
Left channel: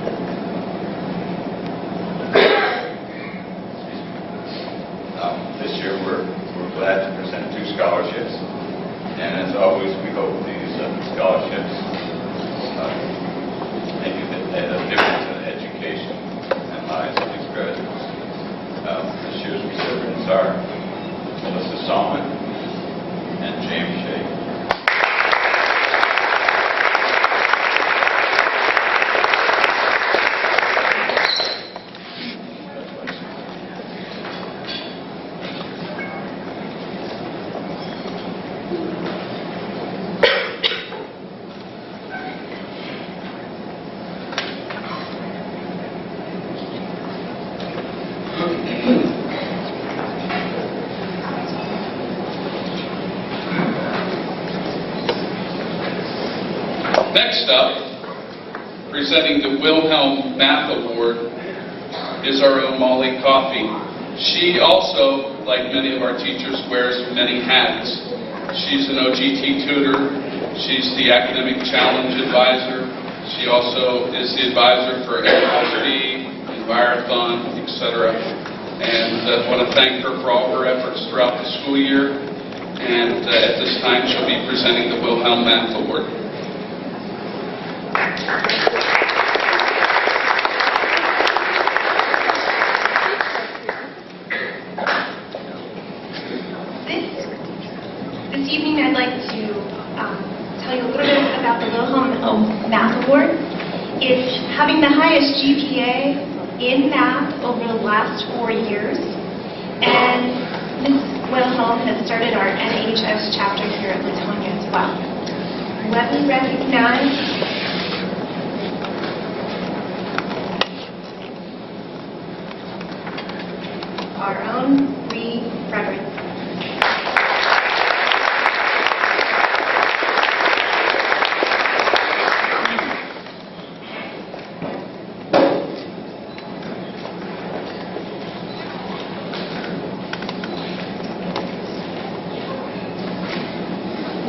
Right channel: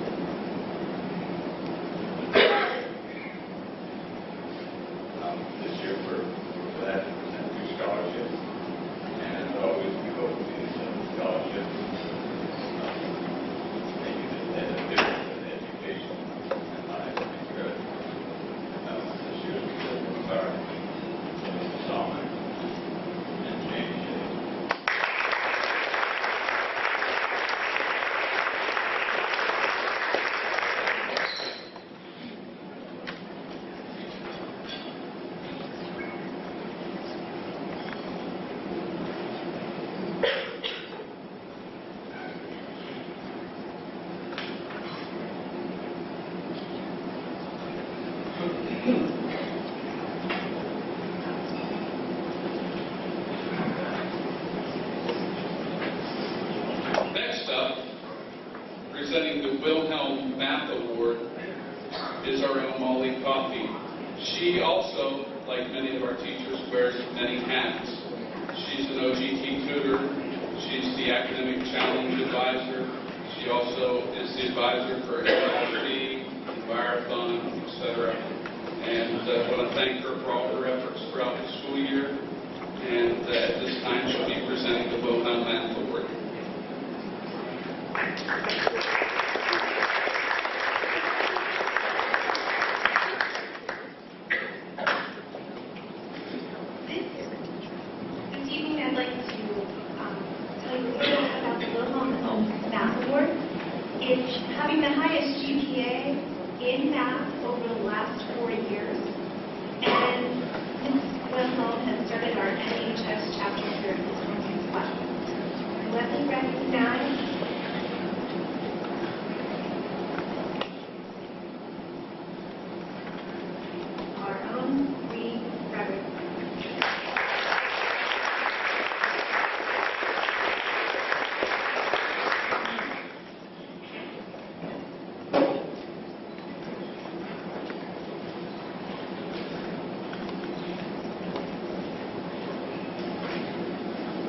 This year, we're glad to present 2 scholarships, and as always, we hope these scholarships make a difference in education and lives of these graduates. This year's recipients are Melissa Solomon and James Shea. Next up, presenting the Wilhelm Math Award, is our own Molly Coffey. She also, like many of our teachers, wears many hats. She's an OGT tutor. She's the Academic Challenge Advisor. She also is the advisor for LSD, Envirothon, etc. And I want to thank her for all her efforts throughout the school year. And at this time, she'll be presenting the Wilhelm Math Award. This evening I'd like to tell you a little bit about the Wilhelm Math Award. It's having the highest GPA in math over the last 4 years. And Ms. Wilhelm has started our NHS chapter here at Leetonia as well. Let me recognize our own Lee Frederick.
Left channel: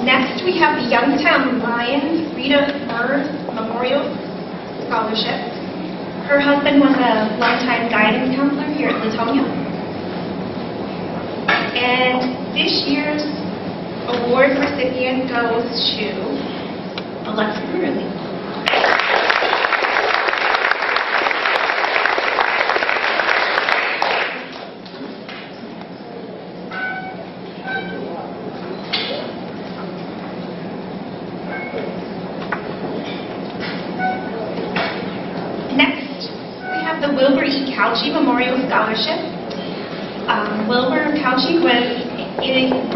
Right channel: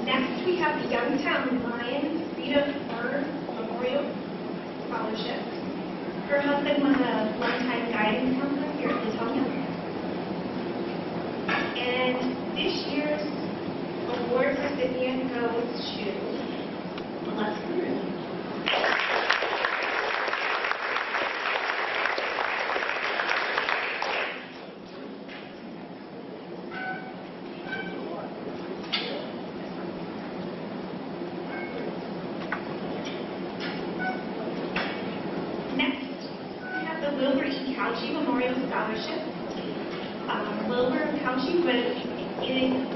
Next, we have the Youngstown Lions Rita Murr Memorial Scholarship. Her husband was a longtime guidance counselor here at Leetonia. And this year's award recipient goes to Alexa Burley. Next, we have the Wilbur E. Couchy Memorial Scholarship. Wilbur Couchy was a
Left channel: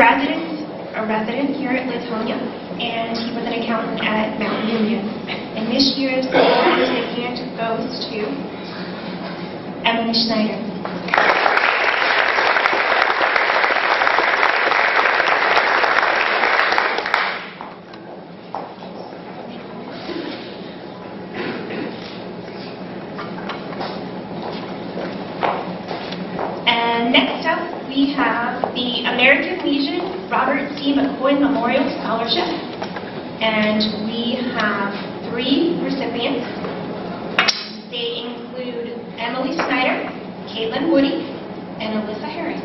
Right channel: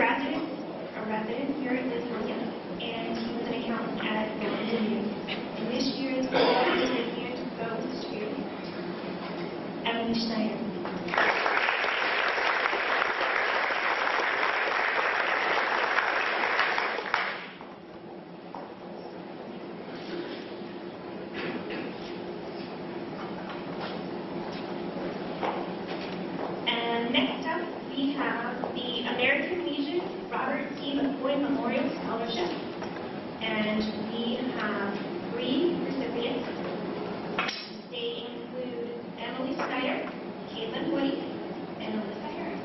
resident here at Leetonia, and he was an accountant at Mount Union. And this year's award recipient goes to Emily Schneider. And next up, we have the American Legion Robert C. McCoy Memorial Scholarship. And we have 3 recipients. They include Emily Snyder, Caitlin Woody, and Alyssa Herring.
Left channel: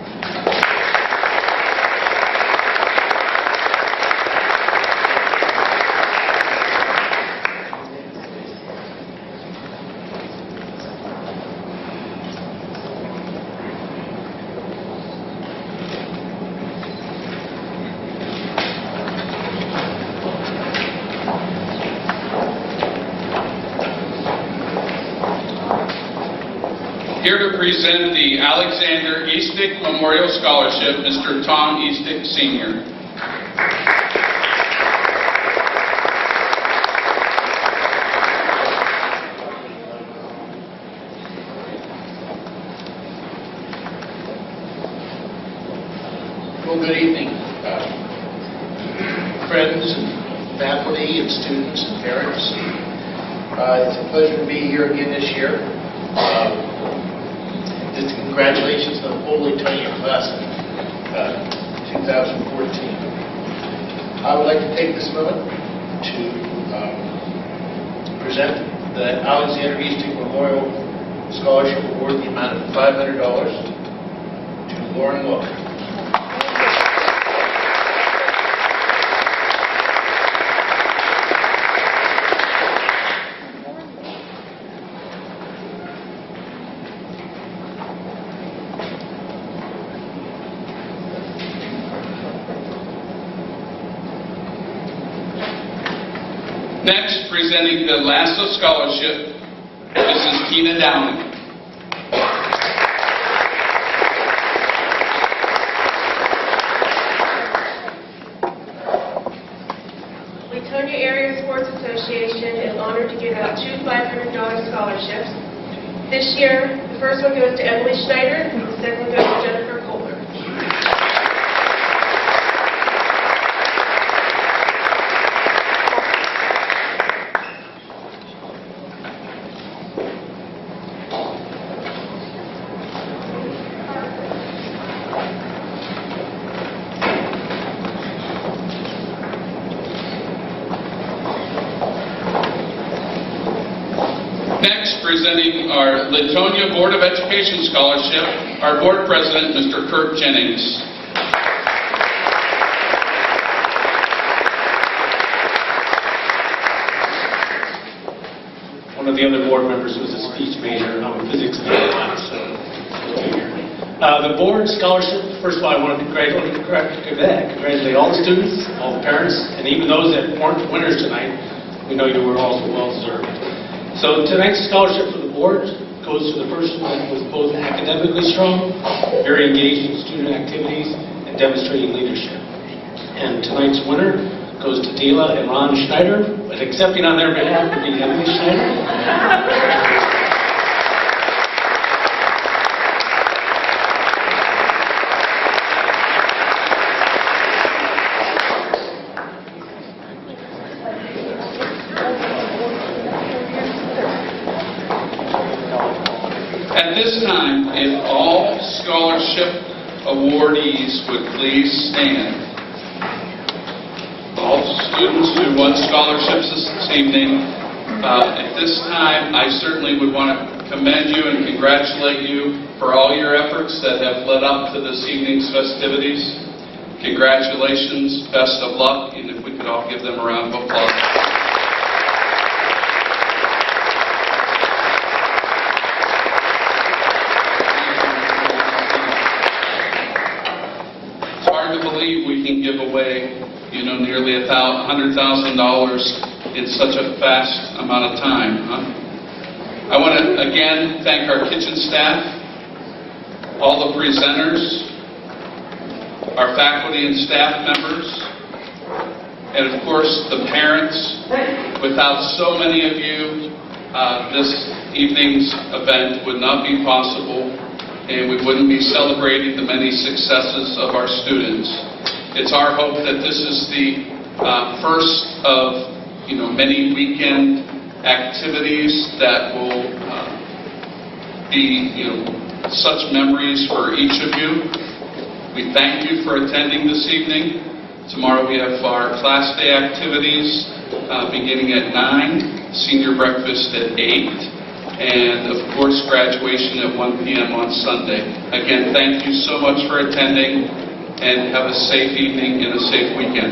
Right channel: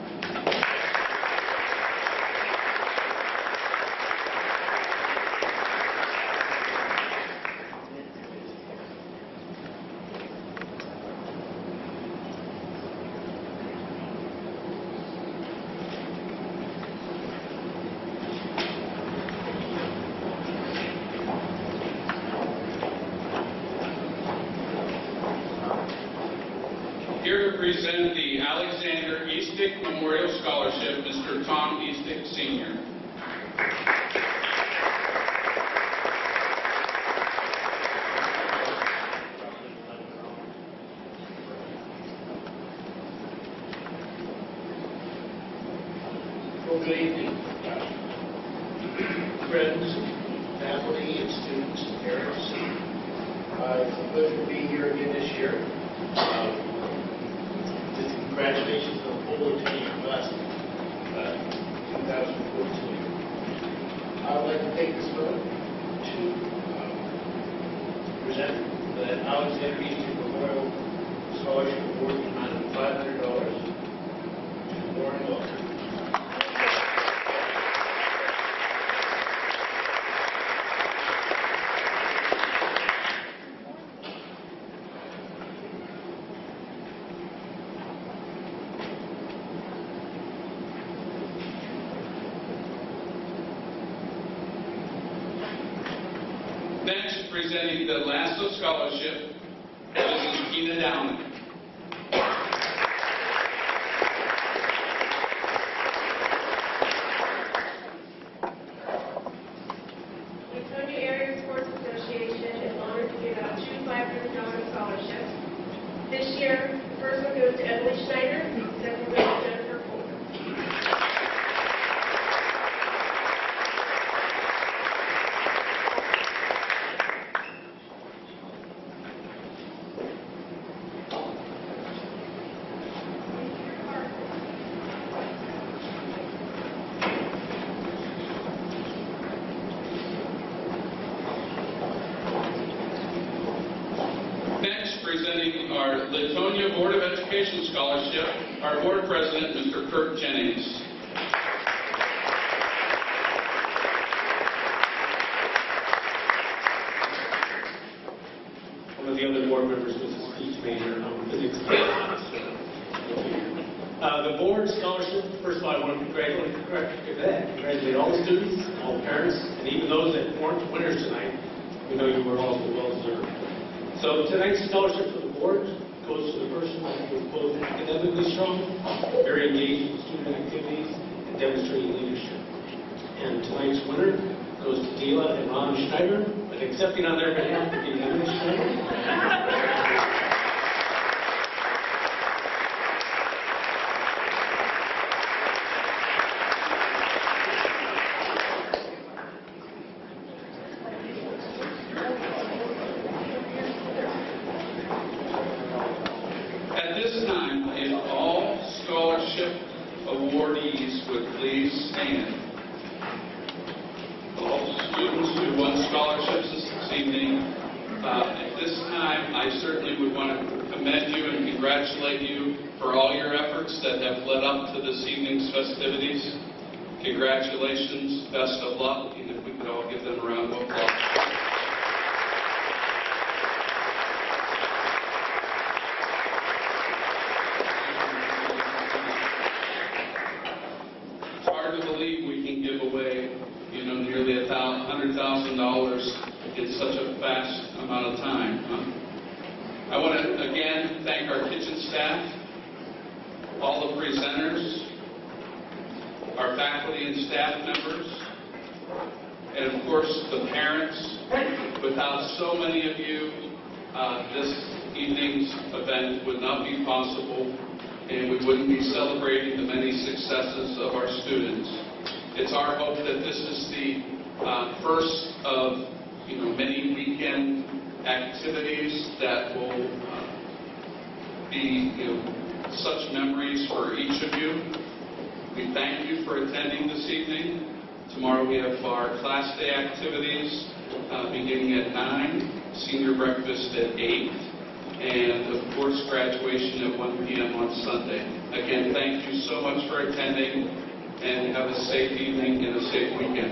Here to present the Alexander Eastick Memorial Scholarship, Mr. Tom Eastick, Sr. Well, good evening, friends, and faculty, and students, and parents. It's a pleasure to be here again this year. Just congratulations to the whole Leetonia class of 2014. I would like to take this moment to present the Alexander Easting Memorial Scholarship Award in the amount of $500 to Lauren Look. Next, presenting the Lasso Scholarship, Mrs. Tina Downing. Leetonia Area Sports Association is honored to give out two $500 scholarships. This year, the first one goes to Emily Schneider, and the second one goes to Jennifer Kohler. Next, presenting our Leetonia Board of Education Scholarship, our board president, Mr. Kurt Jennings. One of the other board members was a speech major, and I'm a physics major, so the board scholarship, first of all, I want to congratulate all the students, all the parents, and even those that weren't winners tonight. We know you were also well-deserved. So tonight's scholarship for the board goes to the person that was both academically strong, very engaged in student activities, and demonstrating leadership. And tonight's winner goes to Dela and Ron Schneider, but accepting on their behalf would be Emily Schneider. At this time, if all scholarship awardees would please stand. All students who won scholarships this evening, at this time, I certainly would want to commend you and congratulate you for all your efforts that have led up to this evening's festivities. Congratulations, best of luck, and if we could all give them a round of applause. We can give away, nearly $100,000 in such a fast amount of time. I want to again thank our kitchen staff, all the presenters, our faculty and staff members, and of course the parents. Without so many of you, this evening's event would not be possible, and we wouldn't be celebrating the many successes of our students. It's our hope that this is the first of many weekend activities that will be such memories for each of you. We thank you for attending this evening. Tomorrow we have our class day activities beginning at 9, senior breakfast at 8, and of course graduation at 1 p.m. on Sunday. Again, thank you so much for attending, and have a safe evening and a safe weekend.